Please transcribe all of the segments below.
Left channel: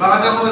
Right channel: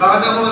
بعدهم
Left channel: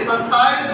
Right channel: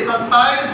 27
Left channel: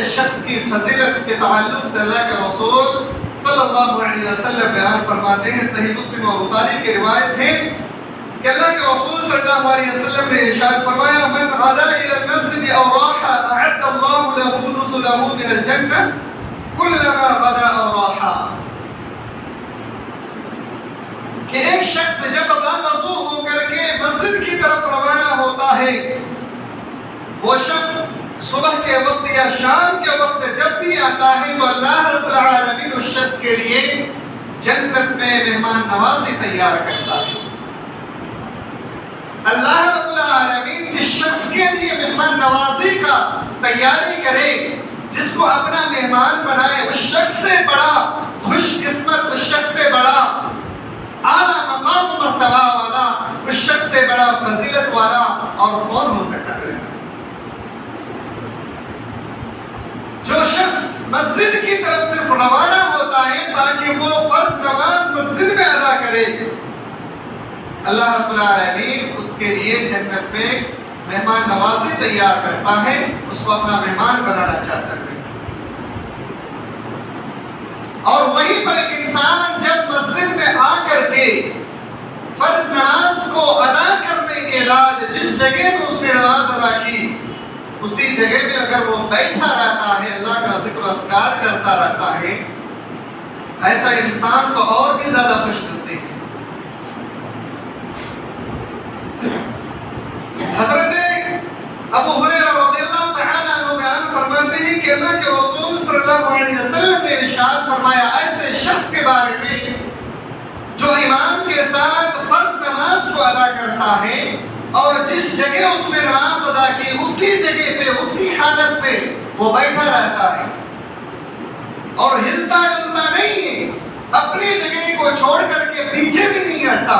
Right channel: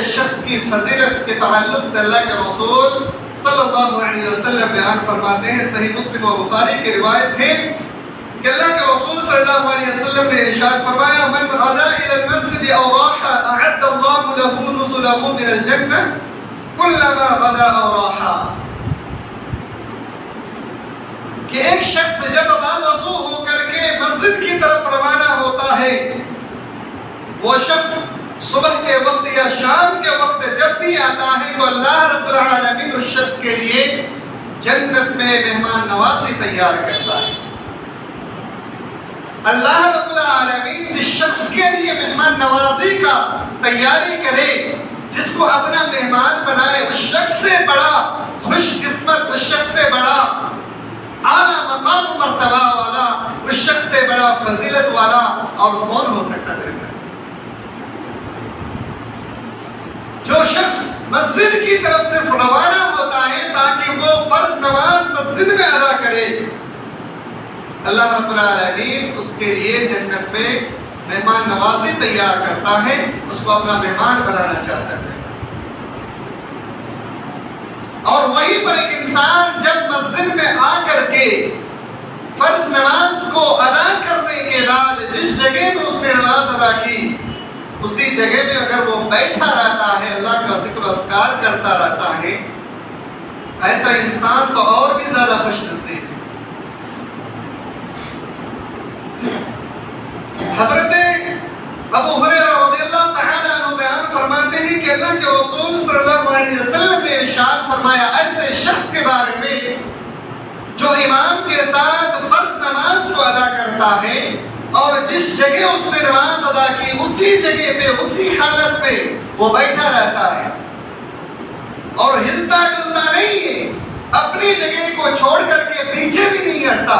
ایسے شخص کی فضیلت کے تعلق سے اللہ کے رسول صلی اللہ علیہ وسلم بیان فرماتے ہیں، صحیح مسلم و بخاری کی روایت ہے کہ اللہ کے رسول صلی اللہ علیہ وسلم نے ارشاد فرمایا من غدا الى المسجد او راح اعد الله له نزله من الجنہ كلما غدا او راح، کہ ایک شخص جب باوضو ہو کر کے مسجد کی طرف روانہ ہوتا ہے، وہ شخص صبح کے وقت یا شام کے وقت جب بھی آتا ہے تو اللہ رب العالمین اس شخص کے لیے جنت میں مہمان نوازی تیار کرتا ہے۔ اللہ رب العالمین جس شخص کے لیے مہمان نوازی کا تیاری کرے، جس کو اپنا مہمان بنائے، اس شخص سے بڑا خوش قسمت، اس شخص سے بڑا اعلیٰ مقام مرتبہ والا، اس شخص سے بڑا فضیلت والا اور کون ہو سکتا ہے؟ جو شخص مسجد کی طرف صرف روانہ ہوتا ہے تاکہ وہ فرض نماز مسجد میں ادا کرے، اللہ رب العالمین اس کے لیے جنت میں مہمان نوازی تیار کرتا ہے، اس کو اپنا مہمان بنانا چاہتا ہے۔ اور وہیں پر ایک انسان جب مسجد میں آ کر کے فرض نماز کو ادا کرنے کے بعد جس جگہ میں اس نے نماز ادا کی، اسی جگہ میں اگر وہ بیٹھا رہتا ہے، اللہ کا ذکر و اذکار کرتا رہتا ہے، ایسا انسان تو اور بھی زیادہ خوش نصیب ہے۔ حضرت ابو ہریرہ رضی اللہ تعالیٰ عنہ بیان فرماتے ہیں کہ اللہ کے رسول صلی اللہ علیہ وسلم نے ارشاد فرمایا ایسے شخص کے بارے میں جو امام کے ساتھ فرض نماز کو ادا کرتا ہے اور جس جگہ اس نے نماز ادا کی اسی جگہ پہ اسی حالت پہ وہ بیٹھا رہتا ہے اور ہلتا ڈلتا نہیں ہے، اپنی جگہ کو چھوڑ کر کے پیچھے بھی نہیں ہٹتا،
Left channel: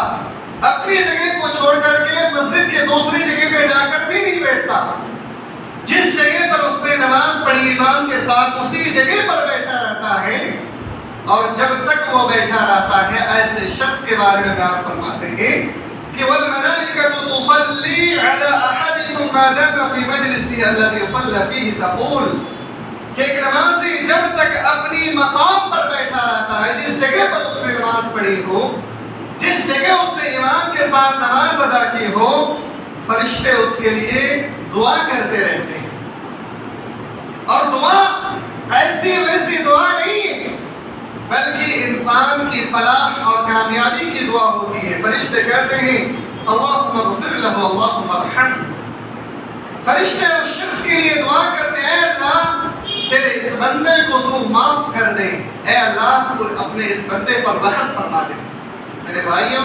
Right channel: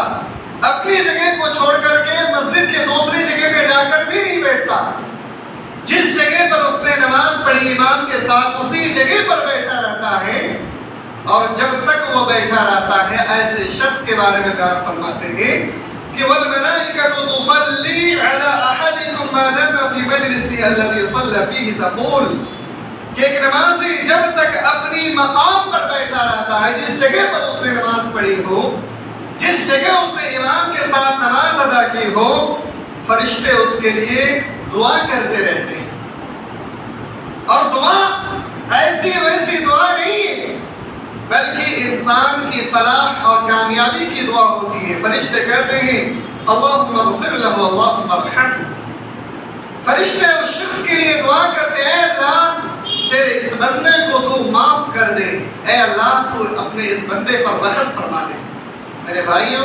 اپنی جگہ کو چھوڑ کر کے مسجد کے دوسری جگہ پہ جا کر بھی نہیں بیٹھتا، جس جگہ پر اس نے نماز پڑھی امام کے ساتھ اسی جگہ پر بیٹھا رہتا ہے، اور جب تک وہ بیٹھا رہتا ہے ایسے شخص کے بارے میں بیان فرماتے ہیں کہ والملائکۃ تصلی علی احدکم ما دام فی مجلسہ الذی صلی فیہ تقول، کہ ایک نمازی جب تک اپنی مقام پر بیٹھا رہتا ہے، جس جگہ پر اس نے نماز پڑھی ہو، جس جگہ اس نے امام کے ساتھ نماز ادا کی ہو، فرشتے اس کے لیے دعا کرتے رہتے ہیں، اور دعا ایسی ویسی دعا نہیں ہے بلکہ انسان کی فلاح اور کامیابی کی دعا ہوتی ہے۔ فرشتے کہتے ہیں اللہم اغفر لہ اللہم ارحمہ، فرشتے اس شخص کے لیے دعا کرتے ہیں اے اللہ تیرے اس بندے کو تو معاف کر دے، اے اللہ تو اپنے اس بندے پر رحم فرما دے۔ میرے بھائیوں،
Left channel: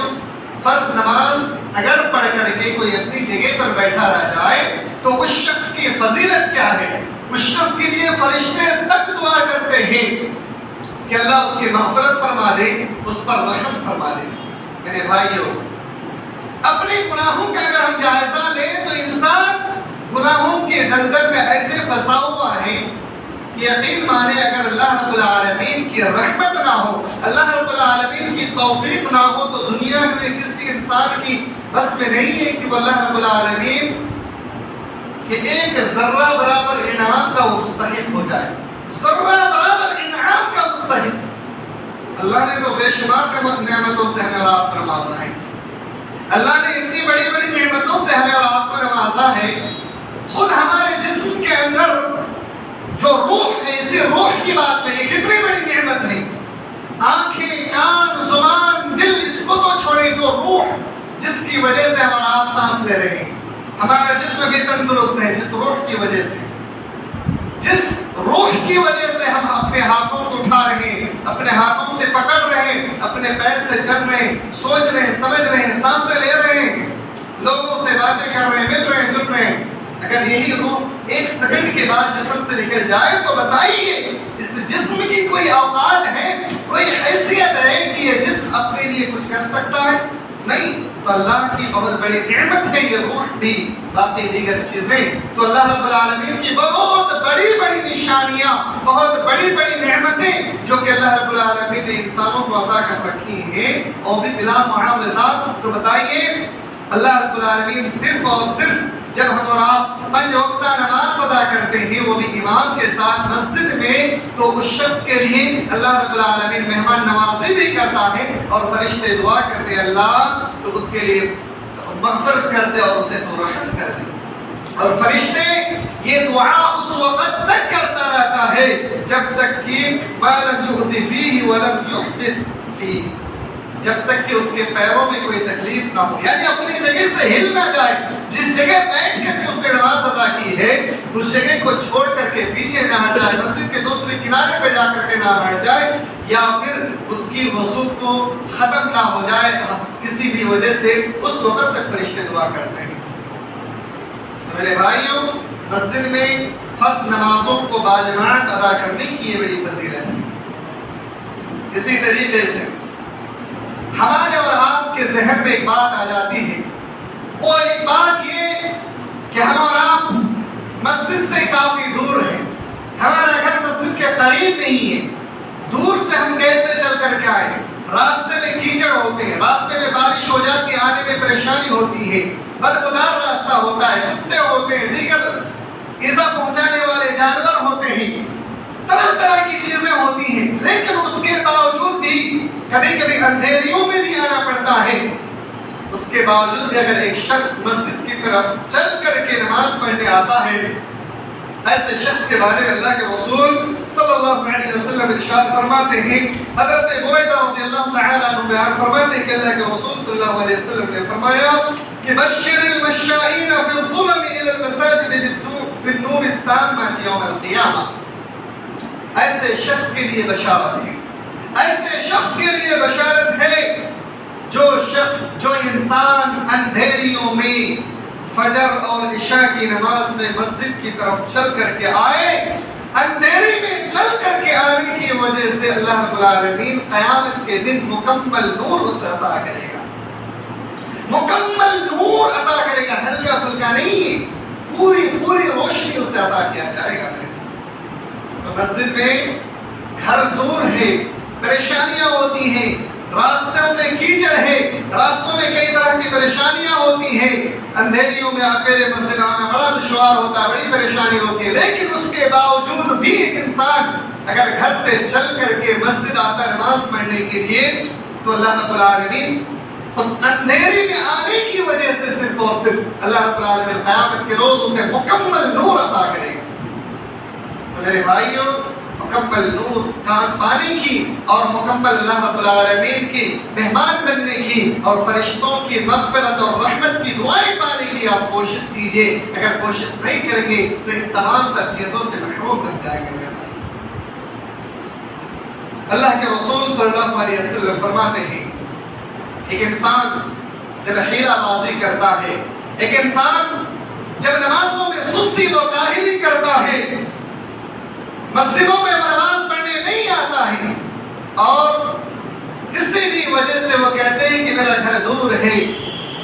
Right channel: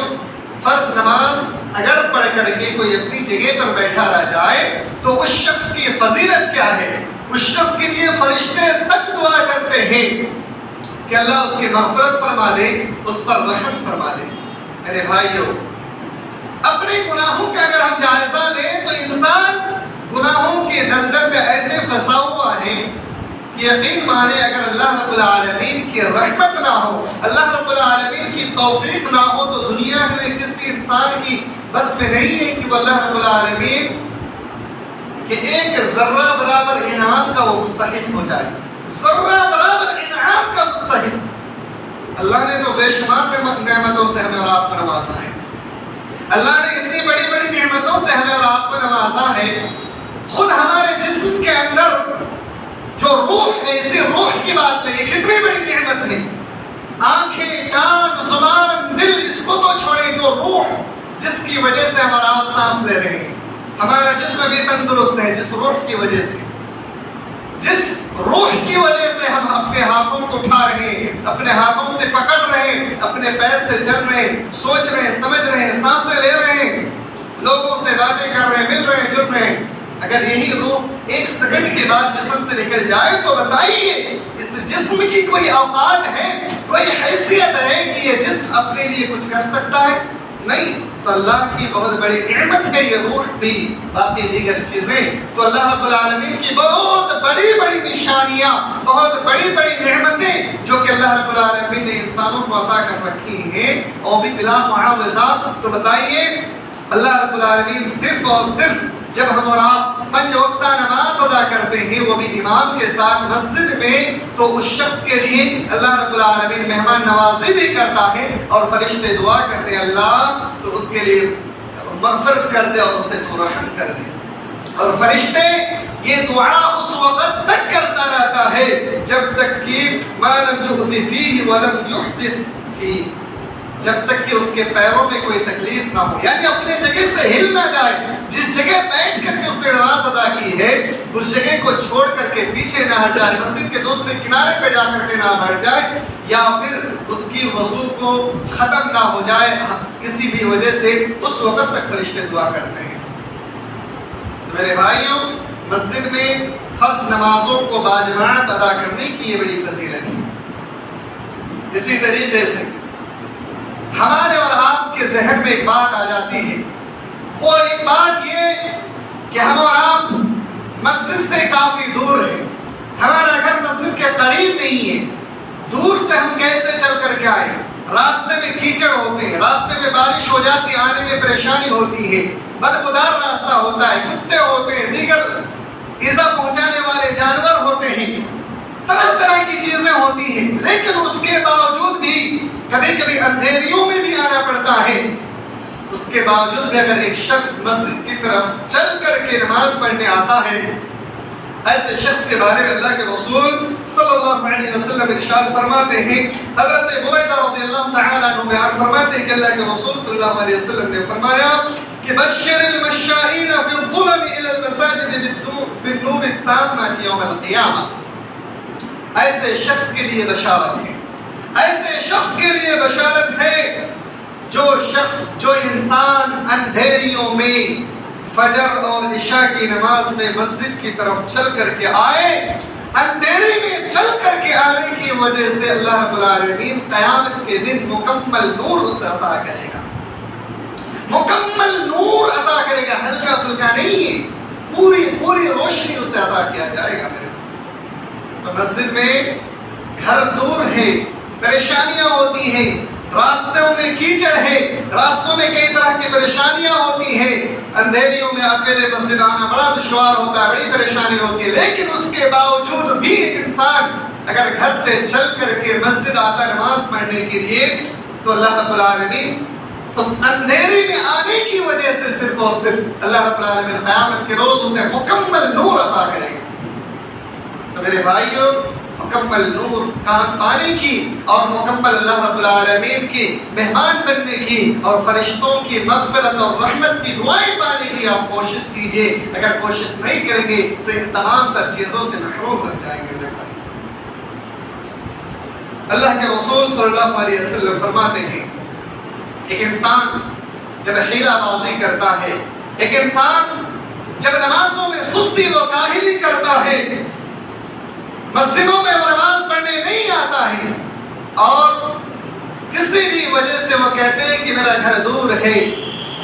فرض نماز اگر پڑھ کر کے کوئی اپنی جگہ پر بیٹھا رہ جائے تو اس شخص کی فضیلت کیا ہے؟ اس شخص کے لیے فرشتے تک دعا کرتے ہیں کہ اللہ اس کی مغفرت فرما دے، اس پر رحم فرما دے۔ میرے بھائیوں، اپنے گناہوں کا اگر ہم جائزہ لیں تو انسان گناہوں کے دلدل میں ایسے پھنسا ہوا ہے کہ یقین مانے اگر اللہ رب العالمین کی رحمت نہ ہو، اللہ رب العالمین کی توفیق نہ ہو تو دنیا میں کسی انسان کی بس میں نہیں ہے کہ وہ اللہ رب العالمین کہ ایک ذرہ برابر انعام کا وہ مستحق ہو جائے، ذرہ برابر انعام کا مستحق۔ اللہ نے تو بے شمار نعمتوں سے ہمیں اور آپ کو نوازا ہے، اللہ نے اتنی بڑی بڑی نعمتوں سے ہمیں اور آپ کو نوازا ہے، خود ہمارے جسم کے اندر جو روح ہے، اسی روح کی بات نہیں، کتنی بڑی نعمت ہے، آنکھیں، کان، زبان، دل، اس کو تو چھوڑے، جو روح جس کی وجہ سے ہمارا آپ سانس لے رہے ہیں، ہمارا جسم بھی تندرست ہے جس روح کی وجہ سے، جس روح کی وجہ سے ہم اپنے ہاتھوں کو اٹھا رہے ہیں، اپنے ہاتھوں سے پکڑ رہے ہیں، اپنے پیر سے چل رہے ہیں، سوچ رہے ہیں، سمجھ رہے ہیں، سانسیں لے رہے ہیں، لوگوں سے باتیں کر رہے ہیں، مل رہے ہیں، جڑ رہے ہیں۔ اگر یہی روح ایک سیکنڈ کے بعد جسم سے نکل جائے تو بتائیے اس جسم کی کوئی اوقات ہے، کوئی حیثیت ہے کہ یہ جسم اپنے لیے کچھ کر سکتا ہے؟ نہیں۔ تو اللہ کی بہت بڑی نعمت ہے یہ روح بھی، باقی دیگر چیزیں تو اللہ رب العالمین کی بہت بڑی بڑی نشانیاں، بہت بڑی بڑی نعمتیں جو کہ اللہ رب العالمین نے انسانوں کو عطا کر رکھی ہیں، اور بھی بلا معاوضہ۔ تو بتائیے اللہ رب العالمین صرف اور صرف جب ہم اور آپ 5 وقتہ نماز ادا کرتے ہیں وہ بھی امام کے ساتھ مسجد میں، تو اس شخص کے لیے اللہ رب العالمین مہمان نوازی بھی کرتا ہے اور فرشتے دعا کرتے ہیں اللہ تو اس کے لیے مغفرت کر دے اور اسے تو رحم کر دے۔ اور فرشتے یہ دعا اس وقت تک کرتا رہتا ہے جب تک کہ ما لم يحدث فيه ولم يحدث فيه، جب تک کہ اس کے پیروں میں کوئی تکلیف نہ ہو، یعنی اپنی جگہ سے ہل نہ جائے۔ جس جگہ بیٹھ کر کے اس نے نماز ادا کی ہے اس جگہ کو چھوڑ کر کے پیچھے نہ ہٹ جائے، مسجد کے دوسرے کنارے پہ جا کر کے نہ بیٹھ جائے، یا پھر اس کی وضو کو ختم نہ ہو جائے کسی بھی وجہ سے، اس وقت تک فرشتے دعا کرتے ہیں۔ میرے بھائیوں، مسجد میں فرض نمازوں کو باجماعت ادا کرنے کی یہ بڑی فضیلت ہے۔ اسی طریقے سے ہمارے اور آپ کے ذہن میں ایک بات آ جاتی ہے، وہ ایک بات یہ کہ ہم اور آپ مسجد سے کافی دور ہیں، ہمارا گھر مسجد کے قریب نہیں ہے، دور سے ہم کیسے چل کر کے آئے؟ راستے میں کیچڑ ہوتے ہیں، راستے میں بارش ہو جاتی ہے، آنے میں پریشانی ہوتی ہے، بدبودار راستہ ہوتا ہے، کتے ہوتے ہیں، دیگر ایذا پہنچانے والے جانور ہوتے ہیں، طرح طرح کی چیزیں ہوتی ہیں، لیکن اس کے باوجود بھی کبھی کبھی اندھیریوں میں بھی آنا پڑتا ہے۔ اس کے باوجود بھی اگر ایک شخص مسجد کی طرف چل کر کے نماز پڑھنے آتا ہے، ایسے شخص کے بارے میں اللہ کے رسول صلی اللہ علیہ وسلم ارشاد فرماتے ہیں، حضرت بریدہ رضی اللہ تعالیٰ عنہ بیان فرماتے ہیں کہ اللہ کے رسول صلی اللہ علیہ وسلم نے فرمایا کہ بشر المشائین فی الظلم الى المساجد بالنور التام یوم القیامہ، ایسے شخص کے لیے بشارت ہے، ایسے شخص کے لیے بشارت ہے جو انسان اندھیریوں میں فجر اور عشاء کی نماز میں مسجد کی طرف چل کر کے آئے، اندھیرے میں چل کر کے آنے کی وجہ سے اللہ رب العالمین قیامت کے دن مکمل نور اسے عطا کرے گا، مکمل نور عطا کرے گا، ہلکا پھلکا نہیں ہے، پوری روشنی اسے عطا کیا جائے گا۔ تو مسجد میں گھر دور ہے، پریشانیاں ہوتی ہیں، راستوں میں کیچڑ ہے، راستوں میں کئی طرح کی پریشانیاں ہوتی ہیں، اندھیریوں میں اکیلے مسجد آنا بڑا دشوار ہوتا ہے، بڑی پریشانی ہوتی ہے، لیکن اس کے باوجود بھی ایک انسان اگر گھر سے چل کر کے مسجد آتا نماز پڑھنے کے لیے تو اللہ رب العالمین اس اندھیری میں آنے کی وجہ سے صرف اور صرف اللہ رب العالمین قیامت کے روز اسے مکمل نور عطا کرے گا۔ تو میرے بھائیوں، مکمل نور کام پانے کی اور مکمل اللہ رب العالمین کی مہمان بننے کی اور فرشتوں کی مغفرت اور رحمت کی دعائیں پانے کی آپ کوشش کیجئے۔ اگر کوشش نہیں کریں گے تو ان تمام تر چیزوں سے محروم رہ جائیں گے۔ اللہ کے رسول صلی اللہ علیہ وسلم فرماتے ہیں، ایک انسان جب حیلہ بازی کرتا ہے، ایک انسان جب نمازوں میں سستی و کاہلی کرتا ہے، مسجدوں میں وہ نماز پڑھنے نہیں آتا ہے اور کسی بھی وجہ سے وہ کہتے ہیں کہ میرا گھر دور ہے،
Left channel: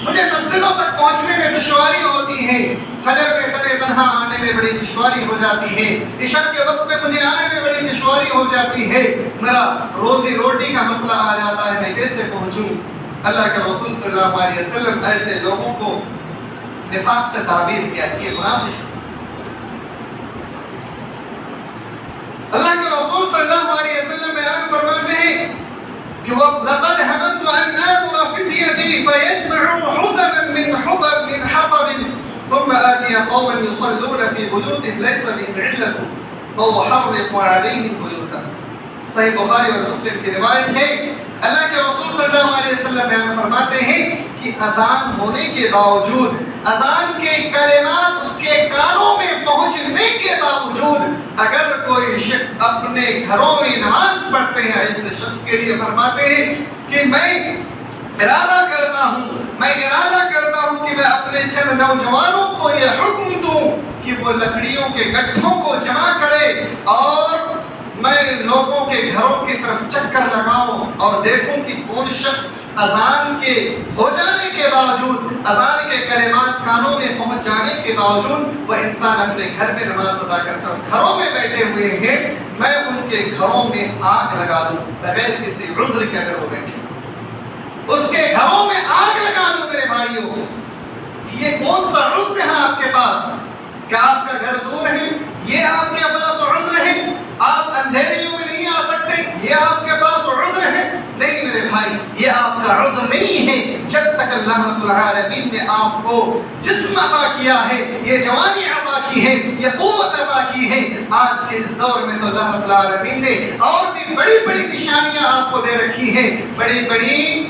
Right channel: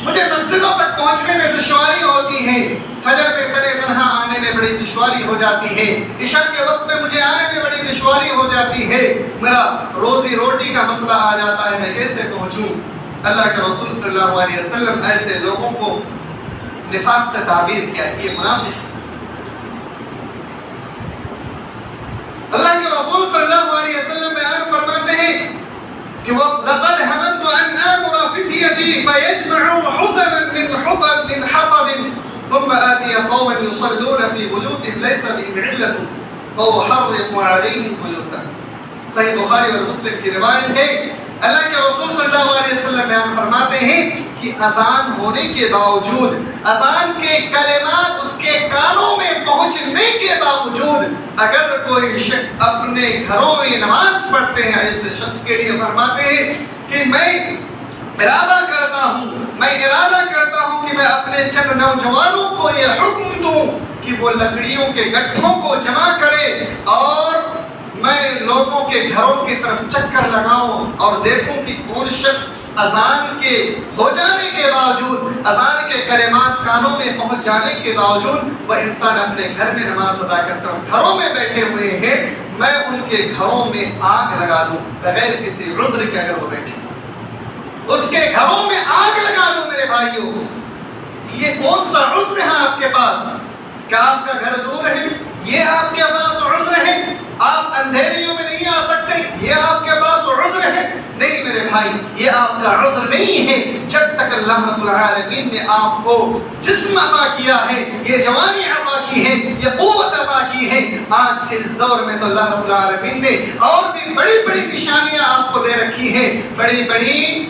مجھے مسجدوں تک پہنچنے میں دشواری ہوتی ہے، فجر میں تنے تنہا آنے میں بڑی دشواری ہو جاتی ہے، عشاء کے وقت میں مجھے آنے میں بڑی دشواری ہو جاتی ہے، میرا روزی روٹی کا مسئلہ آ جاتا ہے، میں کیسے پہنچوں؟ اللہ کے رسول صلی اللہ علیہ وسلم ایسے لوگوں کو نفاق سے تعبیر کیا کہ یہ منافق۔ اللہ کے رسول صلی اللہ علیہ وسلم بیان فرماتے ہیں کہ لَقَدْ هَمَمْتُ أَنْ آمُرَ فِتْيَتِي فَيَجْمَعُوا حُزَمًا مِنْ حَطَبٍ ثُمَّ آتِيَ قَوْمًا يُصَلُّونَ فِي بُيُوتِهِمْ لَيْسَ بِهِمْ عِلَّةٌ فَأُحَرِّقُ عَلَيْهِمْ بُيُوتَهُمْ۔ صحیح بخاری اور مسلم کی روایت ہے، اللہ کے رسول صلی اللہ علیہ وسلم بیان فرماتے ہیں کہ اذان ہونے کے باوجود، اذان کے کلمات اس کے کانوں میں پہنچنے کے باوجود اگر کوئی شخص اپنے گھروں میں نماز پڑھتے ہیں، ایسے شخص کے لیے فرماتے ہیں کہ میں ارادہ کرتا ہوں کہ میں اپنے چند نوجوانوں کو یہ حکم دوں کہ وہ لکڑیوں کے گٹھوں کو جمع کرے اور میں لوگوں کے گھروں کی طرف چکر لگاؤں اور دیکھوں کہ کون شخص اذان کے ہو جانے کے باوجود، اذان کے کلمات کانوں میں پہنچ جانے کے باوجود وہ انسان اپنے گھر میں نماز ادا کرتا ہوں، گھروں میں بیٹھے ہوئے ہیں، میں ان کے گھروں میں آگ لگا دوں بغیر کسی عذر کے، اگر وہ بیٹھے اس کے گھروں میں آگ لگا دوں۔ میرے بھائیوں، یہ کون سا عذر ہے آپ کے پاس؟ کہ آپ کا گھر دور ہے، یہ آپ کے پاس عذر ہے؟ آپ اندھیریوں میں نہیں آ سکتے، یہ آپ کے پاس عذر ہے؟ نہیں میرے بھائی، یہ آپ کا عذر نہیں ہے جب تک اللہ رب العالمین نے آپ کو جسم عطا کیا ہے، یہ جوانی عطا کی ہے، یہ قوت عطا کی ہے۔ آج کے اس دور میں تو اللہ رب العالمین نے اور بھی بڑی بڑی نشانیاں آپ کو دے رکھی ہیں، بڑی بڑی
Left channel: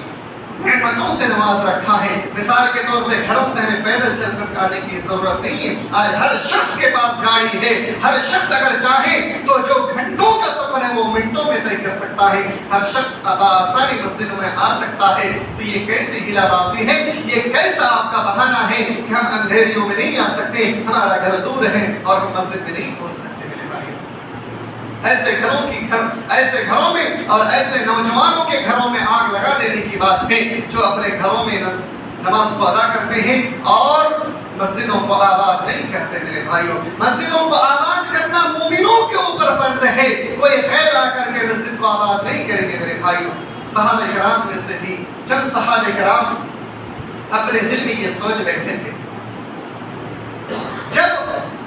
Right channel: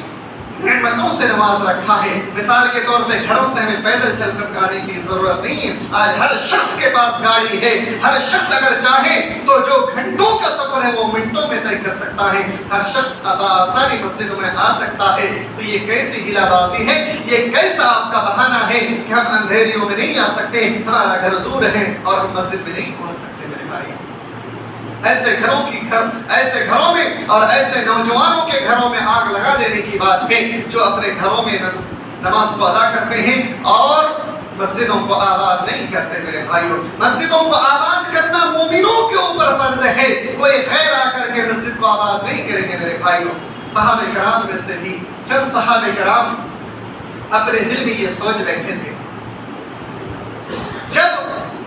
نعمتوں سے نواز رکھا ہے۔ مثال کے طور پہ گھروں سے ہمیں پیدل چل کر آنے کی ضرورت نہیں ہے، آج ہر شخص کے پاس گاڑی ہے، ہر شخص اگر چاہے تو جو گھنٹوں کا سفر ہے وہ منٹوں میں طے کر سکتا ہے، ہر شخص اب آسانی مسجدوں میں آ سکتا ہے۔ تو یہ کیسی ہیلا بازی ہے، یہ کیسا آپ کا بہانہ ہے کہ ہم اندھیریوں میں نہیں آ سکتے، ہمارا گھر دور ہے اور ہم مسجد میں نہیں پہنچ سکتے؟ میرے بھائی، ایسے گھروں میں اور ایسے نوجوانوں کے گھروں میں آگ لگا دینے کی بات ہے جو اپنے گھروں میں نماز کو ادا کرتے ہیں اور مسجدوں کو آباد نہیں کرتے۔ میرے بھائیوں، مسجدوں کو آباد کرنا مومنوں کے اوپر فرض ہے، کوئی غیر آ کر کے مسجد کو آباد نہیں کریں گے۔ میرے بھائیوں، صحابہ کرام میں سے بھی چند صحابہ کرام اپنے دل میں یہ سوچ بیٹھے تھے، جب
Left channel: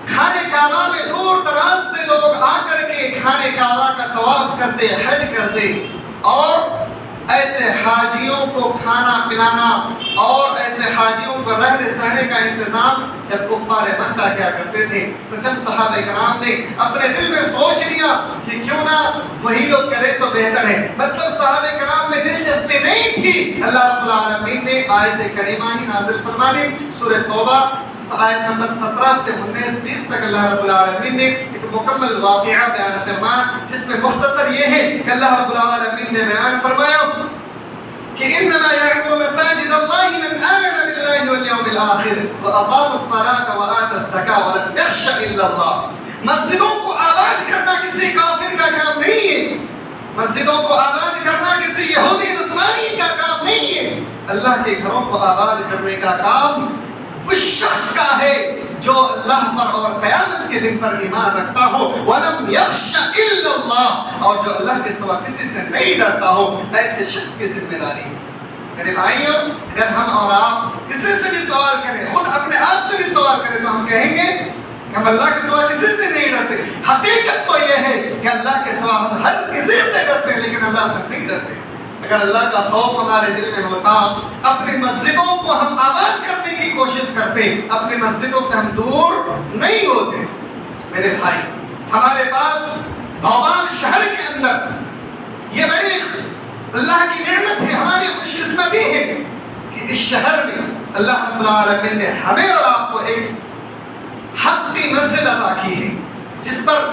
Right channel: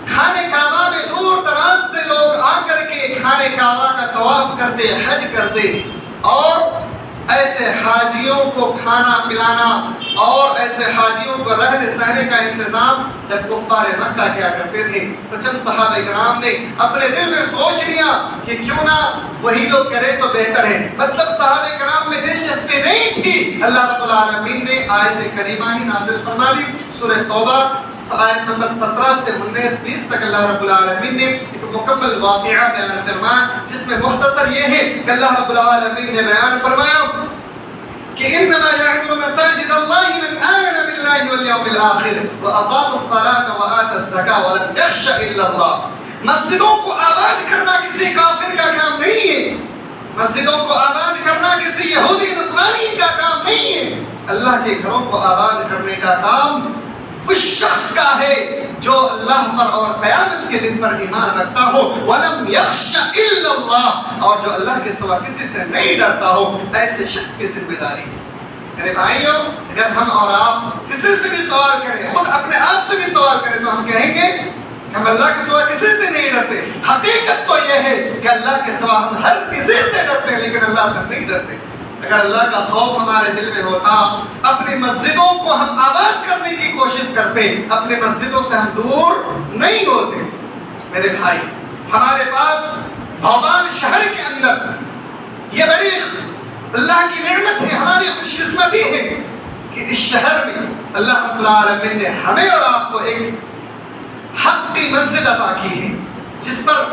خانہ کعبہ میں دور دراز سے لوگ آ کر کے خانہ کعبہ کا طواف کرتے، حج کرتے، اور ایسے حاجیوں کو کھانا پلانا اور ایسے حاجیوں کو رہنے سہنے کا انتظام جب کفار مکہ کیا کرتے تھے، تو چند صحابہ کرام نے اپنے دل میں سوچ لیا کہ کیوں نہ وہی لوگ کرے تو بہتر ہے۔ مطلب صحابہ کرام میں دلچسپی نہیں تھی۔ اللہ رب العالمین نے آیت کریمہ ہی نازل فرما دی، سورہ توبہ آیت نمبر 17 سے 19-20 تک اللہ رب العالمین نے ایک مکمل واقعہ بیان فرمایا، جس میں مختصر یہ ہے کہ اللہ رب العالمین نے بیان فرمایا کہ انما يعمر مساجد الله من آمن بالله واليوم الآخر وأقام الصلاة وآتى الزكاة ولم يخش إلا الله۔ مسجدوں کو آباد کرنا کسی کافر کا کام نہیں ہے، مسجدوں کو آباد کرنا کسی یہودی نصرانی کا کام نہیں ہے، اللہ کے گھروں کو آباد کرنے کا کام اس شخص کا ہے جو اللہ پر اور قیامت کے دن پر ایمان رکھتا ہو، وَلَمْ يَخْشَ إِلَّا اللَّهِ، اور جو اللہ کے سوا کسی سے نہیں ڈرتا ہو، ایسے شخص کی ذمہ داری ہے۔ میرے بھائیوں، اگر ہم اور آپ کسی سے بھی سوال کریں، خود اپنے آپ سے بھی سوال کریں، تو ہم کہیں گے کہ ہم اللہ کے سوا کسی سے نہیں ڈرتے۔ حقیقت تو یہ ہے کہ اللہ کے سوا ہم ہر کسی سے ڈرتے ہیں، لیکن اللہ سے نہیں ڈرتے۔ اگر اللہ کا خوف ہمارے دل میں ہوتا، اپنی مسجدوں کو ہم آباد کرنے کی کوشش کرتے، اپنی مسجدوں سے ہم دور نہیں ہوتے۔ میرے بھائی، ہمارے پاس بھوپال شہر کے اندر یہ بڑی اللہ کی نعمت ہے، ہماری خوش قسمتی ہے کہ اس شہر میں اللہ رب العالمین نے ہمیں اور آپ کو ایک حق کی مسجد عطا کی ہے، جس پر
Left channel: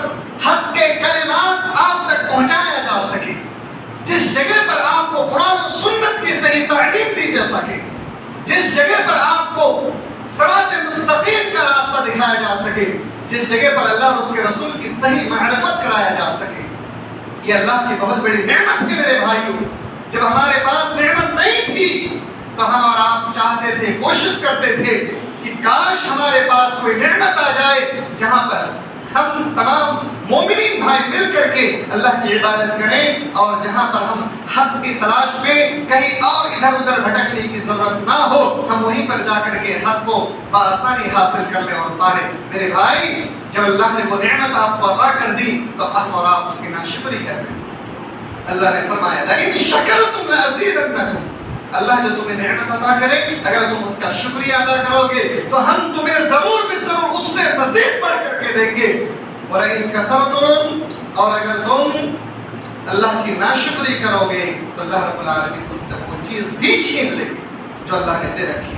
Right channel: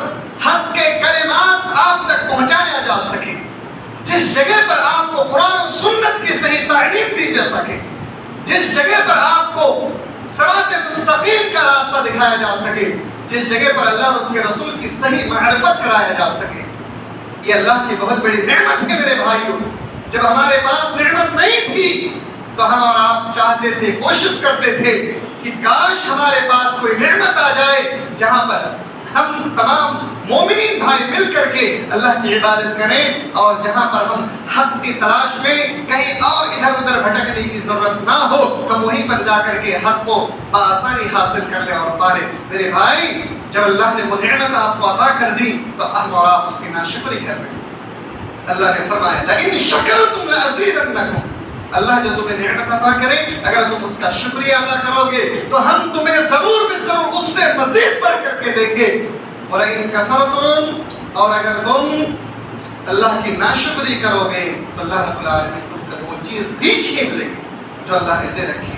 حق کے کلمات آپ تک پہنچایا جا سکے، جس جگہ پر آپ کو قرآن و سنت کی صحیح تعلیم دی جا سکے، جس جگہ پر آپ کو صراط مستقیم کا راستہ دکھایا جا سکے، جس جگہ پر اللہ اور اس کے رسول کی صحیح معرفت کرایا جا سکے۔ یہ اللہ کی بہت بڑی نعمت ہے میرے بھائیوں۔ جب ہمارے پاس نعمت نہیں تھی تو ہم اور آپ چاہتے تھے، کوشش کرتے تھے کہ کاش ہمارے پاس کوئی نعمت آ جائے جہاں پر ہم تمام مومنین بھائی مل کر کے اللہ کی عبادت کریں، اور جہاں پر ہم حق کی تلاش میں کہیں اور ادھر ادھر بھٹکنے کی ضرورت نہ ہو، ہم وہیں پر جا کر کے حق کو بآسانی حاصل کر لیں اور پا لیں۔ میرے بھائی، جب اللہ نے وہ نعمت آپ کو عطا کر دی تو ہم اور آپ اس کی ناشکری کر دیں۔ اللہ نے فرمایا لئن شکرتم لأزیدنکم، اللہ جو تمہیں نعمت عطا کرے، اگر تم اس کا شکریہ ادا کرو گے تو ہم تمہیں ضرور بضرور اس سے مزید بڑھ کر کے دیں گے، وَلَئِن كَفَرْتُمْ، اور اگر تم اللہ کی ناشکری کرو گے تو اللہ رب العالمین تم سے وہ چیز بھی چھین لے جو اللہ نے دے رکھی۔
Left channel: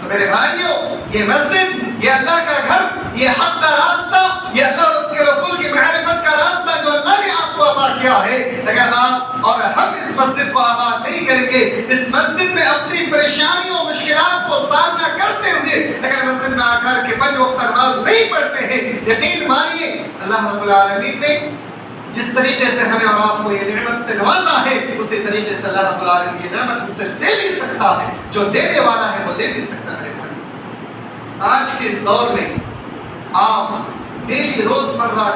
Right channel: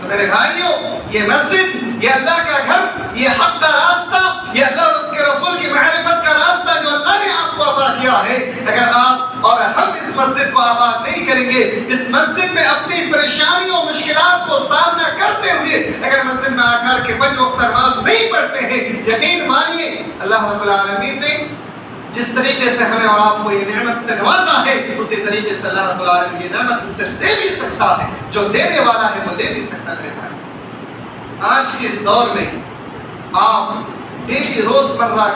تو میرے بھائیوں، یہ مسجد، یہ اللہ کا گھر، یہ حق کا راستہ، یہ اللہ اور اس کے رسول کی معرفت کا راستہ جو اللہ نے آپ کو عطا کیا ہے، اگر آپ اور ہم اس مسجد کو آباد نہیں کریں گے، اس مسجد میں اپنی پریشانیوں مشکلات کو سامنا کرتے ہوئے اگر مسجد میں آ کر کے 5 وقت نماز نہیں پڑھتے ہیں، یقین مانیے اللہ رب العالمین نے جس طریقے سے ہمیں اور آپ کو یہ نعمت سے نوازا ہے، اسی طریقے سے اللہ رب العالمین یہ نعمت ہم سے دے بھی سکتا ہے، جو دینے والا ہے وہ دے بھی سکتا ہے۔ آج کے اس دور میں آپ ڈیلی روز مرہ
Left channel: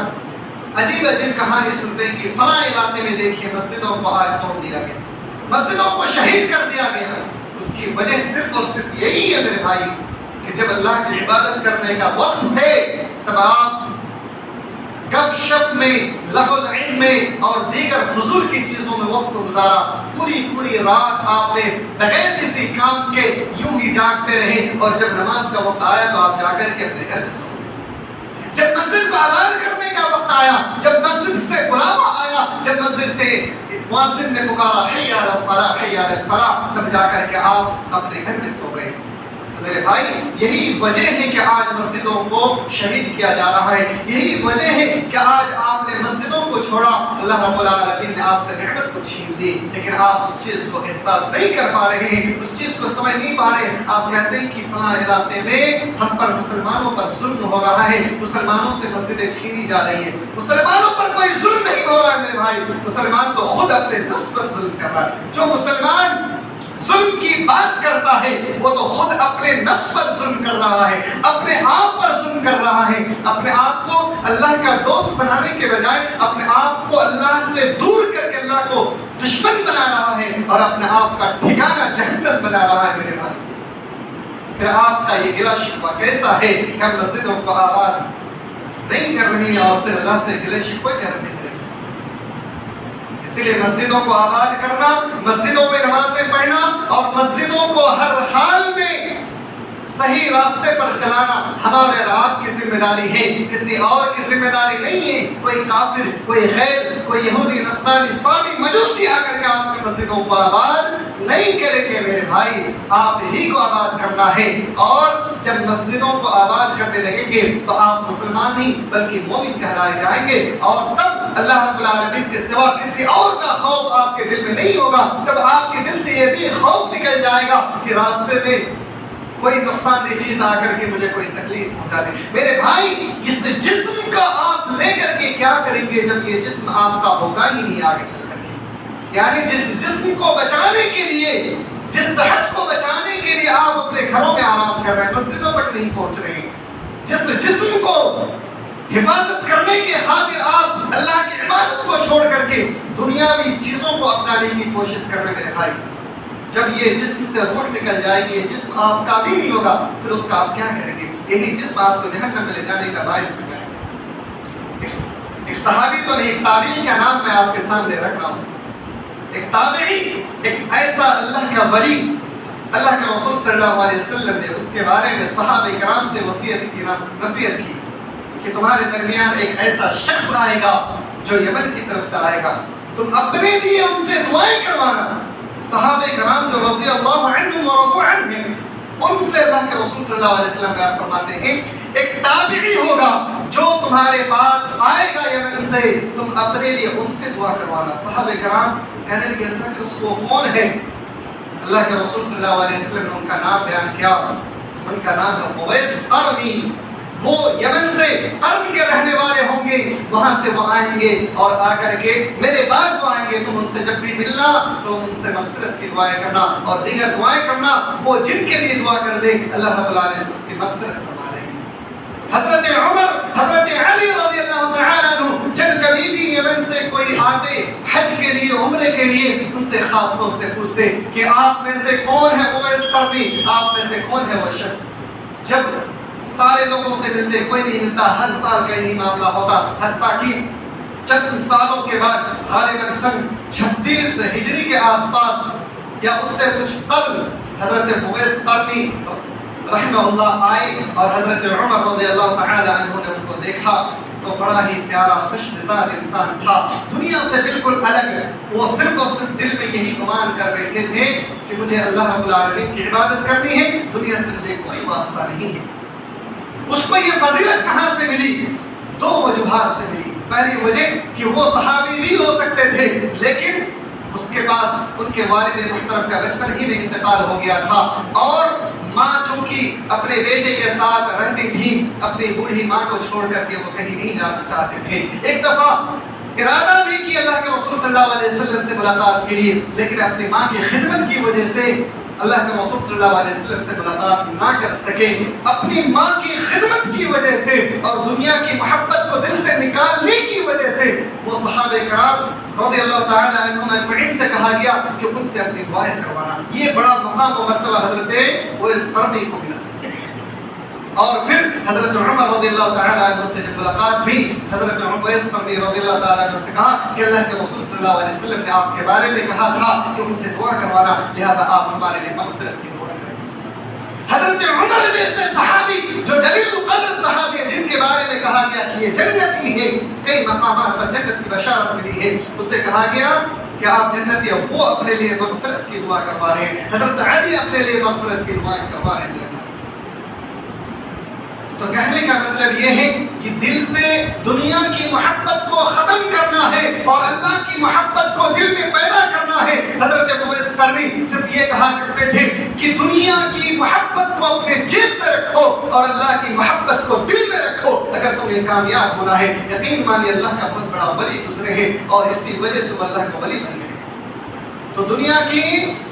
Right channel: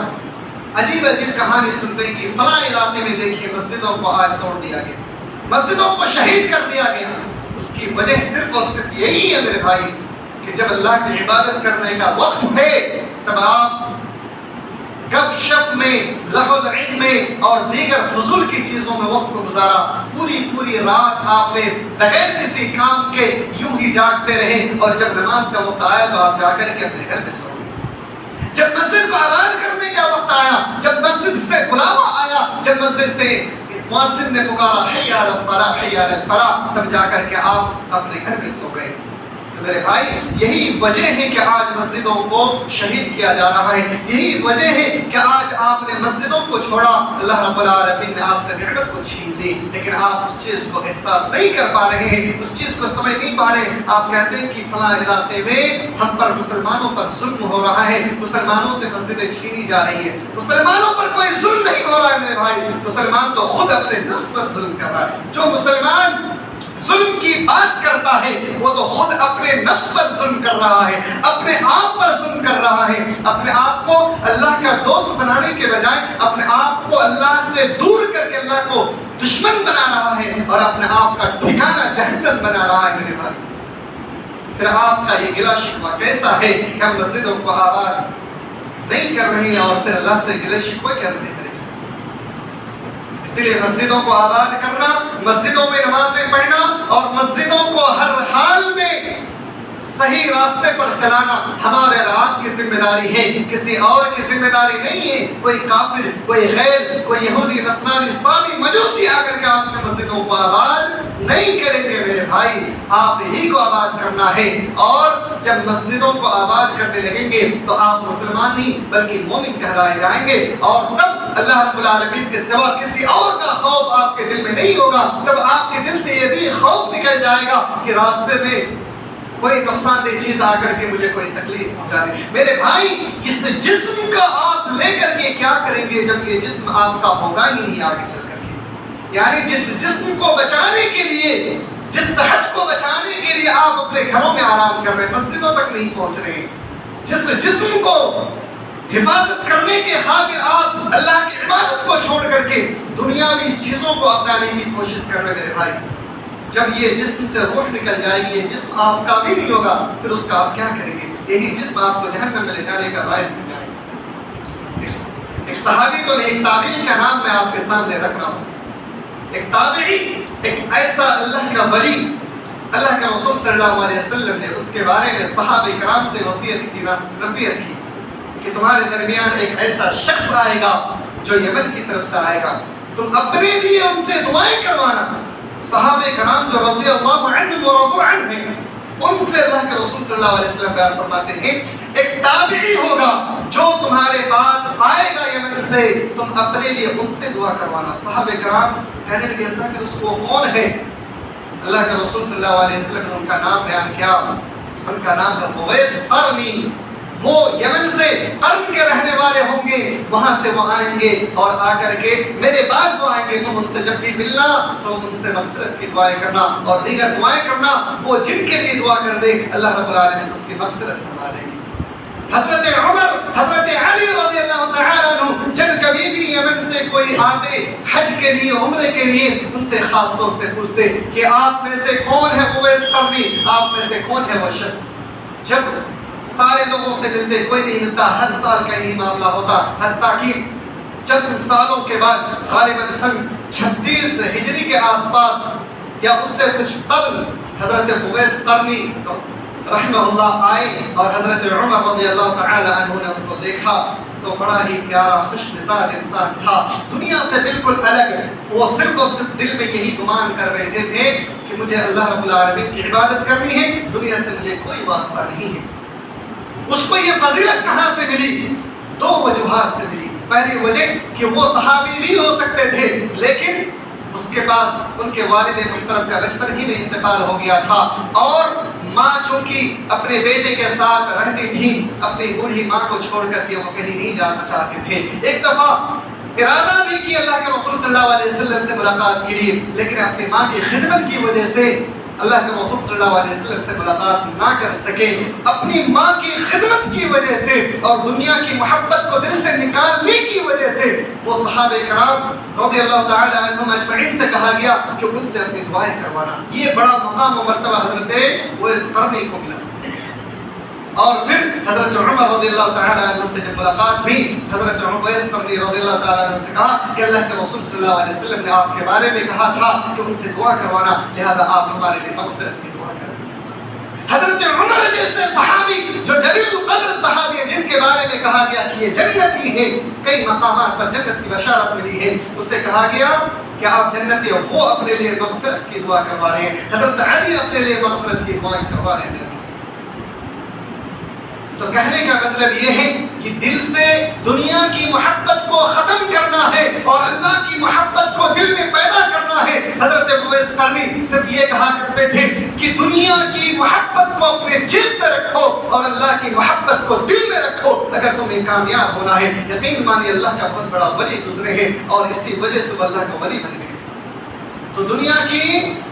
عجیب عجیب کہانی سنتے ہیں کہ فلاں علاقے میں دیکھیے مسجدوں کو آج توڑ دیا گیا، مسجدوں کو شہید کر دیا گیا، اس کی وجہ صرف اور صرف یہی ہے میرے بھائی کہ جب اللہ کی عبادت کرنے کا وقت ہے تب آپ گپ شپ میں، لہو العلم میں اور دیگر فضول کی چیزوں میں وقت کو گزارا، پوری رات آپ نے بغیر کسی کام کے یوں ہی جاگتے رہے، اور جب نماز کا وقت آیا تو آپ جا کر کے اپنے گھر میں سو گئے۔ جب مسجد کو آباد کرنے کا وقت آیا، جب مسجد سے بلاوا آیا، جب مسجد سے مؤذن نے پکارا حی علی الصلاۃ حی علی الفلاح، تب جا کر کے آپ اپنے گھر میں سو گئے۔ میرے بھائی یہی وجہ ہے کہ آج مسجدوں کو شہید کیا جا رہا ہے، یہی وجہ ہے کہ آج آپ نے مسجدوں کو چھوڑا، اللہ رب العالمین نے آپ سے نعمت کو چھین لی، لیکن آپ اس چیز کو احساس نہیں کر پا رہے ہیں، اس چیز کو سمجھ نہیں پا رہے ہیں۔ آپ کہتے ہیں کہ فلاں علاقے میں ہم پر مسلمانوں پر ظلم ہو رہا ہے، مسلمانوں سے مسجدیں چھینی جا رہی ہیں۔ مسلمانوں پر کوئی ظلم نہیں ہو رہا ہے میرے بھائی، مسلمان تو خود اپنے نفس پر ظلم کر رہا ہے۔ جو مسلمان ظلم کی بات کرتا ہے وہ تو خود اپنے نفس پر ظلم کر رہا ہے، اپنے آپ پر ظلم کر رہا ہے، اپنے آپ کو اللہ کا دوست بنانے کے بجائے اپنے آپ کو اللہ سے دور کر کے اللہ کو دشمن بنا رہا ہے، اور اپنے آپ کا ٹھکانہ جہنم بنا رہا ہے میرے بھائی۔ پھر آپ کا یہ گلہ شکوہ کیسا ہے کہ ہم مسجدوں کو آباد نہیں کر رہے ہیں اور پھر اللہ سے گلے شکوے کر رہے ہیں۔ اسی لیے مسجدوں کو آباد کرنا، مسجدوں میں نمازیں پڑھنا اور مسجدوں کو ہر حال میں صحیح راستے پر چلانا ہمارے آپ کی ذمہ داری ہے، کسی اور کی ذمہ داری نہیں ہے۔ کوئی کافر، کوئی غیر، کوئی یہودی، نصرانی، صابی، مجوسی آ کر کے آپ کی مسجدوں کو آباد نہیں کریں گے میرے بھائی، آپ ہی کو آباد کرنا ہے۔ اور جب مسجدوں کو آباد کرنے لگیں گے تو آپ مسلمان نہیں بلکہ مومن کہلائے جائیں گے، اور تب اللہ رب العالمین کے سوا کسی اور کا خوف آپ کے دل میں نہیں ہوگا۔ تب آپ کے دل سے یہ بھی خوف نکل جائے گا کہ راستے میں کوئی نقصان دہ چیز آ کر کے مجھے کوئی تکلیف پہنچا دے۔ میرے بھائی اس جسم کا آپ لے کر کے کیا کریں گے جب یہ جسم آپ کا ہوگا ہی نہیں آگے چل کر کے؟ یعنی جس جسم کو بچانے کے لیے، جس صحت کو بچانے کے لیے آپ اپنے گھروں میں آرام کر رہے ہیں، مسجدوں تک نہیں پہنچ رہے ہیں، جس جسم کو حفاظت کرنے کے خاطر آپ اللہ کی عبادت کو چھوڑ کر کے دنیاوی چیزوں کو اپنانے کی کوشش کر رہے ہیں میرے بھائی، جب یہ جسم سے روح نکل جائے گی، یہ جسم آپ کا بھی نہیں ہوگا، پھر اس کا آپ کیا کریں گے؟ یہی جسم آپ کو جہنم میں لے جانے کا باعث بن جائے گا۔ ایک صحابی تو نہیں، ایک تابعی کا نام میں آپ کے سامنے رکھ رہا ہوں۔ ایک تابعی، ایک ایسا اللہ کا ولی، اللہ کے رسول صلی اللہ علیہ وسلم نے اس کے بارے میں صحابہ کرام سے نصیحت کی کہ تمہارے درمیان ایک ایسا شخص آئے گا جو یمن کی طرف سے آئے گا، تم اپنے لیے ان سے دعائیں کروانا۔ صحابہ کرام جو رضی اللہ عنہم ورضوا عنہم، ان سے اللہ کے رسول صلی اللہ علیہ وسلم بیان فرماتے ہیں ایک تابعی ہوگا جو تمہارے پاس آئے گا یمن سے، تم اپنے لیے ان سے دعا کروانا۔ صحابہ کرام کہنے لگے اللہ کے رسول وہ کون ہے؟ اللہ کے رسول صلی اللہ علیہ وسلم نے ان کا نام بیان کیا، ان کا نام ہے اویس قرنی۔ وہ یمن سے قرن کے رہنے والے ہوں گے، وہاں سے وہ آئیں گے اور آ کر کے میرے بعد وہ آئیں گے، تم ان سے جب بھی ملنا تو ان سے مغفرت کی دعائیں کرنا اور دیگر دعائیں کرنا، وہ جن کے لیے دعا کر دے اللہ رب العالمین اس کی مغفرت فرما دے گے۔ حضرت عمر، حضرت علی رضی اللہ تعالیٰ عنہ جب کبھی بھی یمن سے کوئی آتے حج کے لیے، عمرے کے لیے، ان سے خاص طور سے پوچھتے کہ آپ میں سے کون ہے اویس قرنی، آپ میں سے کون ہے وہ شخص؟ جب سارے لوگوں سے ملتے، کوئی نہیں ملتا، ہر سال کا یہی معاملہ ہوتا، حتیٰ کہ چند سالوں کے بعد غالباً سن 36 ہجری کے آس پاس یا اس سے کچھ قبل حضرت اویس قرنی رحمہ اللہ آئے اور حضرت عمر رضی اللہ تعالی عنہ نے ان کو دیکھا تو بڑا ہی پیارا خوش مزاج انسان تھا، دنیا سے بالکل الگ۔ وہ صرف اور صرف دل میں یہی گمان کر بیٹھے تھے کہ مجھے اللہ رب العالمین کی عبادت کرنی ہے، دنیا سے مجھے کوئی واسطہ نہیں ہے۔ اس کو یہ فضیلت کہاں سے ملی؟ دو وجوہات سے ملی۔ پہلی وجہ کہ وہ صحابی بھی ہو سکتے تھے لیکن اس کے پاس ان کے والد محترم کا بچپن ہی میں انتقال ہو گیا تھا، اور ماں چونکہ اپنے بیٹے کے ساتھ رہتی تھی، اپنی بوڑھی ماں کو چھوڑ کر کے وہ کہیں نہیں جانا چاہتے تھے۔ ایک دفعہ ارادہ بھی کہ اللہ کے رسول صلی اللہ علیہ وسلم سے ملاقات کے لیے، لیکن اپنی ماں کی خدمت کی وجہ سے اللہ کے رسول صلی اللہ علیہ وسلم سے ملاقات نہ کر سکے اپنی ماں کی خدمت کی وجہ سے اور دنیا کی محبت کو دل سے نکالنے کی وجہ سے وہ صحابہ کرام رضی اللہ تعالی عنہم اجمعین سے کہا گیا کہ ان سے اپنی دعائیں کروانا. یہ بڑا مقام و مرتبہ حضرت اویس قرنی کو ملا. اور پھر حضرت عمر رضی اللہ تعالی عنہ سے جب ملاقات ہوئی حضرت اویس قرنی رضی اللہ تعالی عنہ سے کہا کہ اللہ کے رسول صلی اللہ علیہ وسلم نے آپ کے بارے میں کہا تھا کہ ان سے دعا کروانا, لہذا آپ ہمارے لیے مغفرت کی دعا کریں. حضرت عمر جیسے صحابی جو جلیل القدر صحابی ہیں جن کے بارے میں کہا گیا کہ یہ جنتی ہیں, کئی مقامات پر جنت کی بشارت ملی ہے, اس سے کہا گیا کہ آپ جنتی اور وہ اپنے لیے مغفرت کی دعا کروا رہے ہیں. حضرت علی اپنے لیے مغفرت کی دعائیں کروا رہے ہیں. تو کہنے کا مطلب یہ ہے کہ دل سے دنیا کی محبت کو ختم کرنا ہے اور اللہ کی محبت کو دل میں پیدا کرنا ہے. حضرت اویس قرنی صرف یہ کہا کرتے تھے کہ دنیا کی محبت کو اپنے جیب میں رکھو اور اللہ کی محبت کو دل میں رکھو اگر تمہیں کامیاب ہونا ہے. یقین مانیے اللہ کا بہت بڑا ولی گزرے ہیں اور اسی وجہ سے وہ اللہ کا ولی بن گئے. تو دنیا کی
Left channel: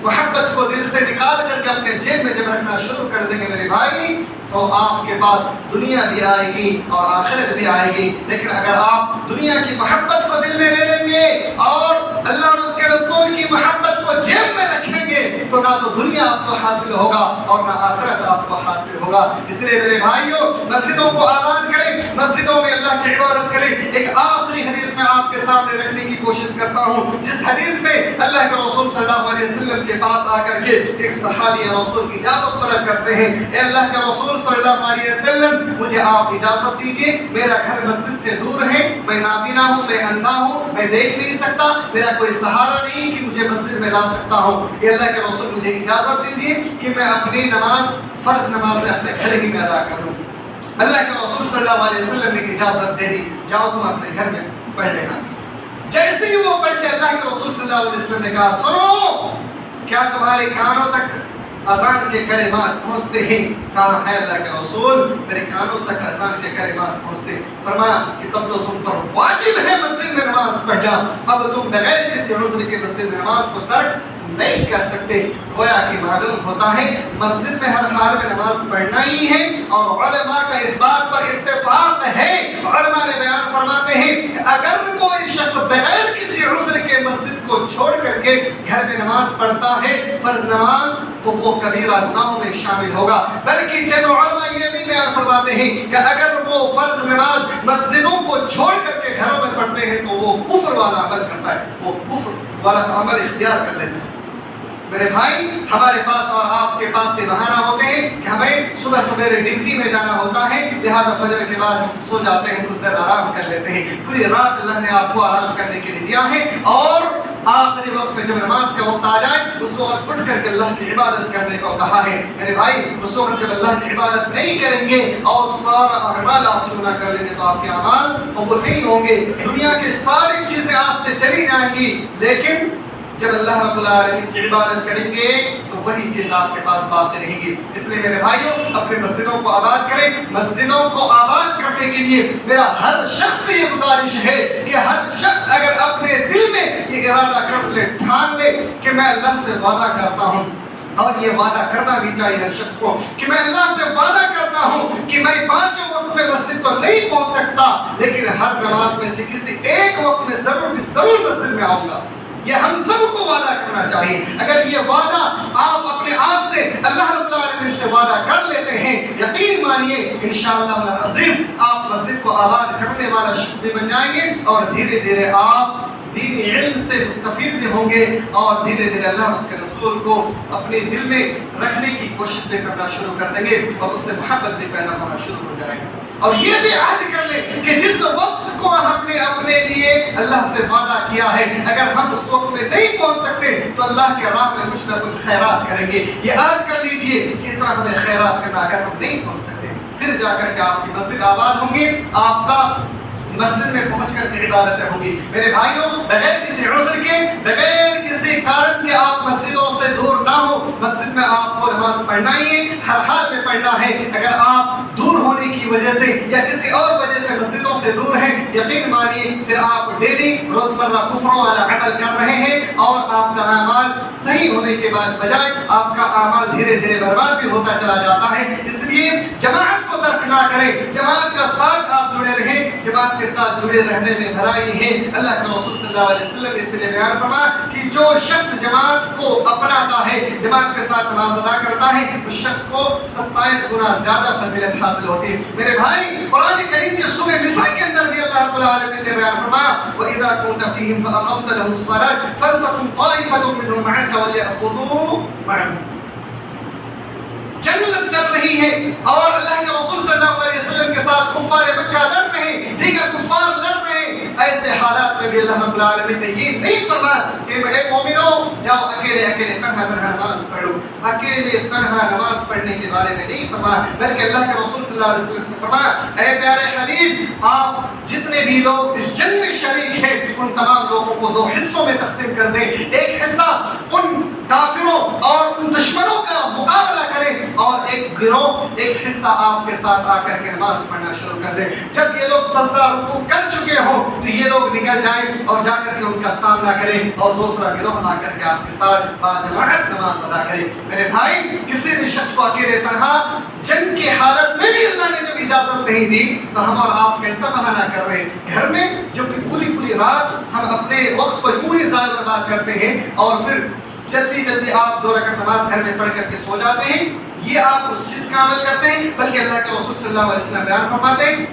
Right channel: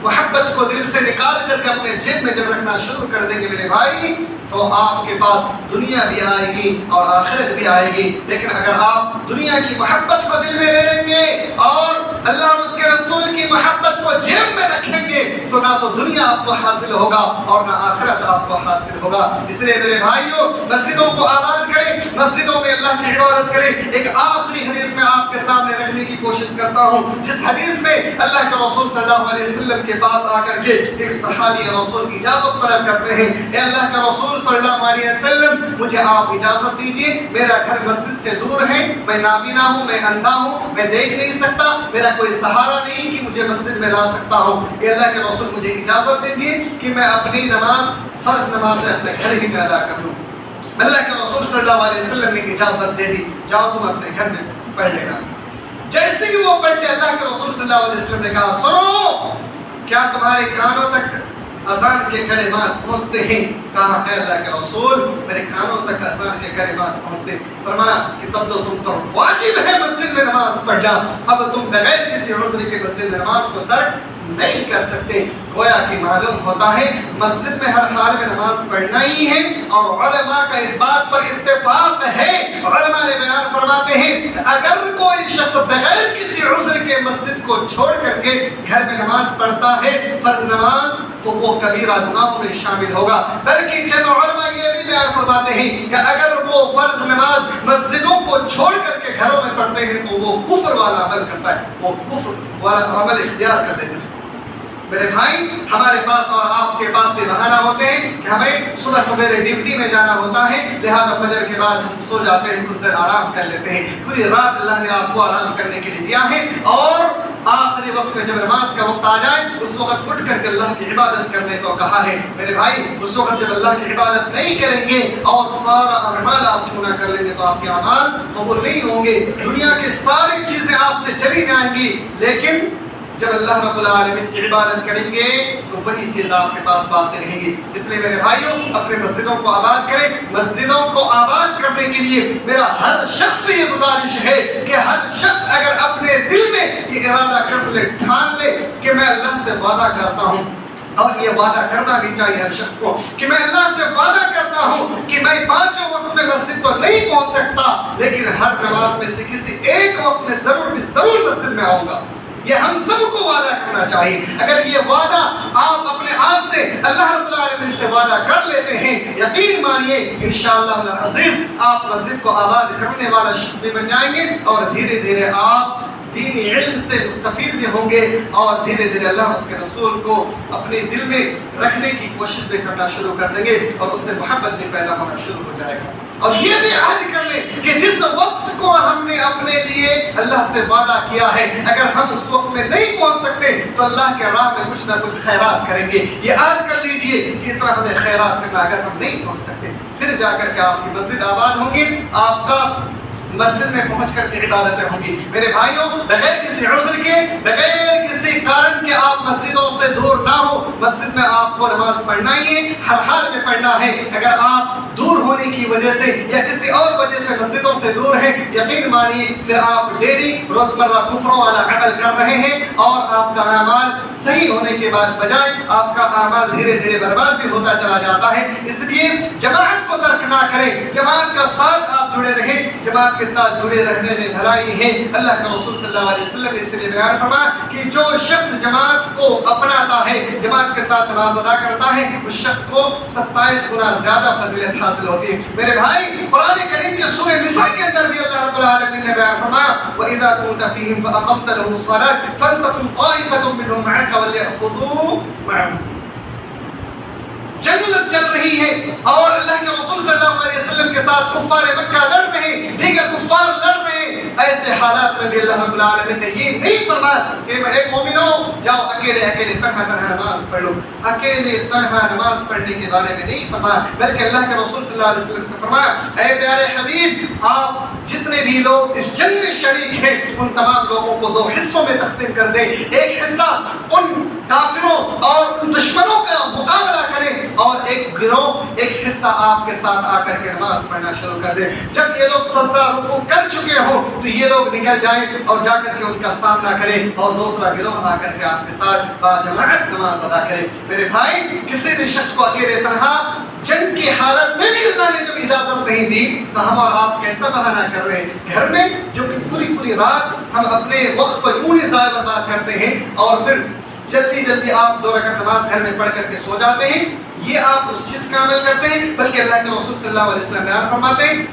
محبت کو دل سے نکال کر کے اپنے جیب میں جب رکھنا شروع کر دیں گے میرے بھائی تو آپ کے پاس دنیا بھی آئے گی اور آخرت بھی آئے گی. لیکن اگر آپ دنیا کی محبت کو دل میں لے لیں گے اور اللہ اور اس کے رسول کی محبت کو جیب میں رکھیں گے تو نہ تو دنیا آپ کو حاصل ہوگا اور نہ آخرت آپ کو حاصل ہوگا. اس لیے میرے بھائیوں مسجدوں کو آباد کریں, مسجدوں میں اللہ کی عبادت کریں. ایک آخری حدیث میں آپ کے سامنے رکھنے کی کوشش کرتا ہوں جس حدیث میں اللہ کے رسول صلی اللہ علیہ وسلم کے پاس آ کر کے ایک صحابی رسول کی اجازت طلب کرتے ہیں, اے اللہ کے رسول صلی اللہ علیہ وسلم مجھے آپ اجازت دیجئے, میرا گھر مسجد سے دور ہے, میں نابینا ہوں, میں اندھا ہوں, میں دیکھ نہیں سکتا, میرا کوئی سہارا نہیں کہ مجھے مسجد میں لا سکتا ہوں. اے اللہ کے رسول مجھے اجازت دیجئے کہ میں اپنی نماز فرض نماز اپنے گھر ہی میں ادا کر دوں. اللہ کے رسول صلی اللہ علیہ وسلم نے اجازت دے دی, جاؤ تم اپنے گھر میں پڑھ لینا. جیسے ہی وہ پڑھ کے اللہ کے رسول صلی اللہ علیہ وسلم نے کہا سنو, کیا تمہارے کانوں تک اذان کے کلمات پہنچتے ہیں؟ کہا ہے اللہ کے رسول میرے کانوں تک اذان کے کلمات پہنچتے. فرمایا کہ تب تو تم پر واجب ہے مسجد میں نماز پڑھنا, اب تم بغیر کسی عذر کے مسجد میں نماز کو ترک نہیں کر سکتے. گویا کہ معلوم ہوتا ہے مسجد میں ہر حال میں نماز پڑھنا ہی ہے اور علماء کا اس بات پر اتفاق ہے. علماء نے بیان فرماتے ہیں اگر کوئی شخص بغیر کسی عذر کے مسجد کو چھوڑ کر کے گھر میں نماز پڑھتا ہے فرض نماز تو وہ کبیرہ گناہوں میں شامل ہوگا. بلکہ چند علماء یہ بھی بیان فرماتے ہیں کہ اگر وہ فرض نماز مسجدوں کو چھوڑ کر کے گھروں میں پڑھتے ہیں تو وہ کفر والا عمل کرتا ہے, وہ کفر والا عمل اختیار کر لیتا ہے. میرے بھائی ہمارے پاس اور آپ کے پاس یہ بہانہ ہوتے ہیں کہ ہمیں صبح سویرے ڈیوٹی میں جانا ہوتا ہے, لہذا فجر کے بعد ہم سو جاتے ہیں, کچھ دیر آرام کر لیتے ہیں. پوری رات اللہ نے آپ کو آرام کرنے کے لیے دیا ہے اور آخری وقت میں جب نماز کا وقت آ جائے اس وقت اٹھ کر کے اللہ کی عبادت کرنے کو کہا ہے. میرے بھائی اس وقت جب اللہ کی عبادت نہیں کریں گے اور سارا اعمال آپ کیوں نہ کر لیں گے تو آپ کے اعمال قبول نہیں ہوں گے. دنیا کی ساری چیزیں آپ سے چلی جائیں گی لیکن جب اللہ رب العالمین کی عبادت کریں گے تو وہی چیز آپ کے پاس باقی رہیں گی. اس لیے میرے بھائیوں اپنے مسجدوں کو آباد کریں. مسجدوں کو آباد کرنے کے لیے میرا ہر شخص سے یہ گزارش ہے کہ ہر شخص اگر اپنے دل میں یہ ارادہ کر لے, ٹھان لے کہ میں اللہ سے وعدہ کرتا ہوں, اور یہ وعدہ کرنا بھی چاہیے ہر شخص کو کہ میں اللہ سے وعدہ کرتا ہوں کہ میں 5 وقت میں مسجد تو نہیں پہنچ سکتا لیکن ہر نماز میں سے کسی ایک وقت میں ضرور مسجد میں آؤں گا. یہ ہم سب کو وعدہ کرنا چاہیے. اگر یہ وعدہ آپ اپنے آپ سے اللہ رب العالمین سے وعدہ کر لیتے ہیں یقین مانیے انشاءاللہ العزیز آپ مسجد کو آباد کرنے والا شخص بھی بن جائیں گے اور دھیرے دھیرے آپ دینی علم سے مستفید بھی ہوں گے اور دھیرے دھیرے اللہ اور اس کے رسول کو اپنے دل میں رکھنے کی کوشش بھی کرنا شروع کر دیں گے اور اس سے محبت بھی پیدا ہونا شروع ہو جائے گا. اور یہ بھی عہد کر لیں کہ جس وقت کو ہم نے اپنے لیے اللہ سے وعدہ کیا ہے اگر ہم اس وقت میں نہیں پہنچ سکتے تو اللہ کے راہ میں کچھ نہ کچھ خیرات کریں گے. یہ عہد کر لیجئے کہ اس طرح ہمیں خیرات کرنا اگر ہم نہیں پہنچ سکتے پھر جا کر کے آپ کی مسجد آباد ہوں گی, آپ کا مسجد میں پہنچ کر کے عبادتیں ہوں گی. میرے بھائیوں بغیر کسی عذر کے بغیر کسی کارن کے آپ مسجدوں سے دور نہ ہو. مسجد میں آپ کو نماز پڑھنا ہی ہے, ہر حال میں پڑھنا ہے. اگر آپ دور ہونے کی وجہ سے یا کسی اور وجہ سے مسجدوں سے دور ہیں یقین مانیے پھر آپ ڈیلی روزمرہ کفروں والا عمل کر رہے ہیں اور آپ کا اعمال صحیح ہونے کے بعد بجائے آپ کا اعمال دھیرے دھیرے برباد بھی ہوتا چلا جاتا ہے۔ اس لیے جماعت کو ترک نہ کریں، جماعت کا ساتھ آپ جڑے رہیں، جماعت کے ساتھ جڑے رہنے میں بھلائی ہے۔ اللہ کے رسول صلی اللہ علیہ وسلم نے اس لیے بیان فرمایا کہ جو شخص جماعت کو اپناتا ہے، جماعت کے ساتھ نماز ادا کرتا ہے، اس شخص کو 27 گنا زیادہ فضیلت حاصل ہوتی ہے۔ میرے بھائی، قرآن کریم کے سورہ نساء کے اندر بھی اللہ رب العالمین نے بیان فرمایا وَإِذَا كُنْتَ فِيهِمْ فَأَقَمْتَ لَهُمُ الصَّلَاةَ فَلْتَقُمْ طَائِفَةٌ مِّنْهُمْ مَعَكَ وَلْيَأْخُذُوا مَعَهُمْ۔ جنگ چل رہی ہے اور اللہ کے رسول صلی اللہ علیہ وسلم کے ساتھ کفار مکہ لڑ رہے ہیں، دیگر کفار لڑ رہے ہیں، ایسے حالات میں بھی اللہ رب العالمین نے یہ نہیں فرمایا کہ اے مومنوں جاؤ اکیلے اکیلے تنہا نماز پڑھ لو، اکیلے تنہا نماز پڑھنے کے بارے میں نہیں فرمایا، بلکہ اللہ کے رسول صلی اللہ علیہ وسلم سے فرمایا اے پیارے حبیب آپ جتنے بھی لوگ اس جنگ میں شریک ہیں ان تمام لوگوں کو 2 حصوں میں تقسیم کر دیں، ایک حصہ ان کافروں اور ان دشمنوں کا مقابلہ کریں اور ایک گروہ ایک حصہ آپ کے ساتھ آ کر کے نماز پڑھنا شروع کر دیں۔ جب یہ لوگ سجدہ رکوع کر چکے ہوں تو یہ لوگ نکل جائیں اور جا کر کے ان کا سامنا کریں اور دوسرا گروہ آ کر کے آپ کے ساتھ باجماعت نماز ادا کریں۔ میرے بھائی، کسی بھی شخص کو اکیلے تنہا جنگ کی حالت میں بھی اللہ نے جب اجازت نہیں دی تو ہم اور آپ کیسا بہانہ کر رہے ہیں؟ گھر میں جو پوری رات ہم اپنے وقت پر یوں ہی ضائع برباد کرتے ہیں اور پھر جلدی جلدی آپ 2 رکعت نماز گھر میں پڑھ کر کے سو جاتے ہیں، یہ آپ اس چیز کا عمل کرتے ہیں، بلکہ اللہ کے رسول صلی اللہ علیہ وسلم بیان فرماتے ہیں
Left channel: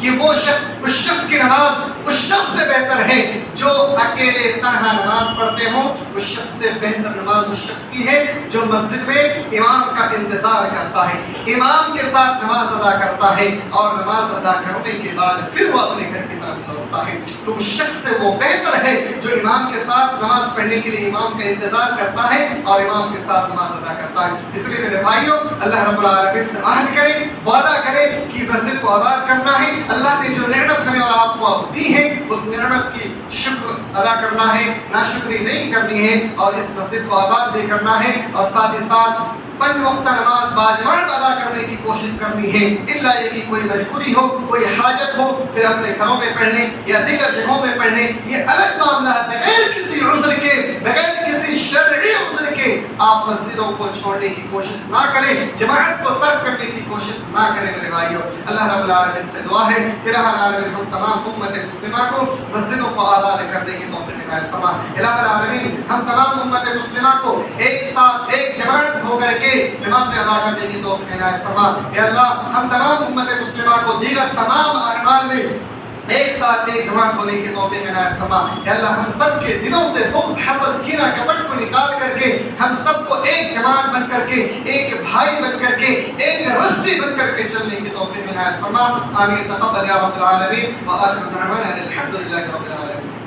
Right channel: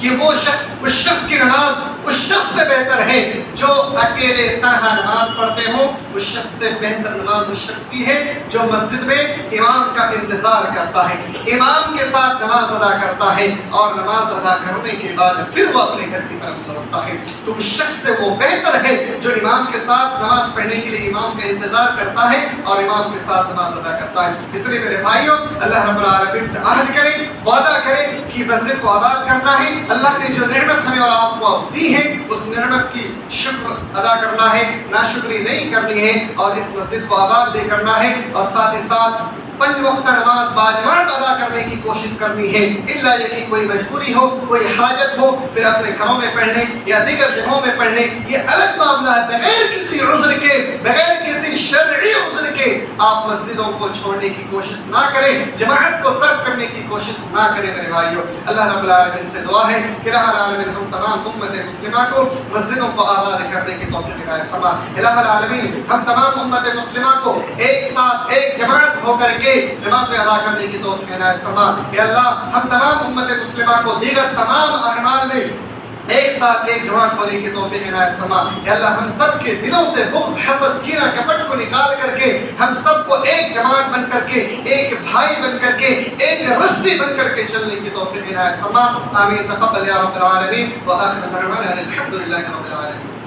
کہ وہ شخص اس شخص کی نماز اس شخص سے بہتر ہے جو اکیلے تنہا نماز پڑھتے ہوں، اس شخص سے بہتر نماز اس شخص کی ہے جو مسجد میں امام کا انتظار کرتا ہے، امام کے ساتھ نماز ادا کرتا ہے اور نماز ادا کرنے کے بعد پھر وہ اپنے گھر کی طرف لوٹتا ہے، تو اس شخص سے وہ بہتر ہے جو امام کے ساتھ نماز پڑھنے کے لیے امام کا انتظار کرتا ہے اور امام کے ساتھ نماز ادا کرتا ہے۔ اس لیے میرے بھائیوں، اللہ رب العالمین سے عہد کریں، وعدہ کریں کہ مسجد کو آباد کرنا ہے، اللہ نے جو نعمت ہمیں اور آپ کو دی ہے اس نعمت کی شکر ادا کرنا ہے، ناشکری نہیں کرنی ہے اور اس مسجد کو آباد بھی کرنا ہے اور ساتھ ہی ساتھ 5 وقت نماز باجماعت ادا کرنے کی کوشش کرنی ہے، الا یہ کہ کوئی مجبوری ہو، کوئی حاجت ہو پھر اپنے گھروں میں پڑھ لیں یا دیگر جگہوں میں پڑھ لیں، یہ الگ معاملہ ہے۔ بغیر کسی عذر کے، بغیر کسی شرعی عذر کے آپ مسجدوں کو چھوڑنے کی کوشش نہ کریں، جماعت کو ترک کرنے کی کوشش نہ کریں میرے بھائیوں۔ اللہ رب العالمین سے دعا ہے کہ الہ العالمین ہم تمام امت مسلمہ کو مسجدوں کو آباد کرنے کی توفیق عنایت فرما۔ الہ العالمین ہم تمام امت مسلمہ کو ایک ساتھ ایک جماعت ہو کر کے نماز ادا کرنے کی توفیق عنایت فرما۔ اے اللہ ہم تمام امت مسلمہ کو دیگر تمام اعمال میں ایک ساتھ ایک جماعت ہونے کی توفیق عنایت فرما۔ اے اللہ ہم سب کے دلوں سے بغض، حسد، کینہ، کپٹ کو نکال کر کے ہم سب کو ایک جماعت بن کر کے، ایک بھائی بن کر کے، ایک رسی بن کر کے چلنے کی توفیق عنایت فرما۔ آمین تقبل یا رب العالمین وآخر دعوانا الحمد للہ رب العالمین۔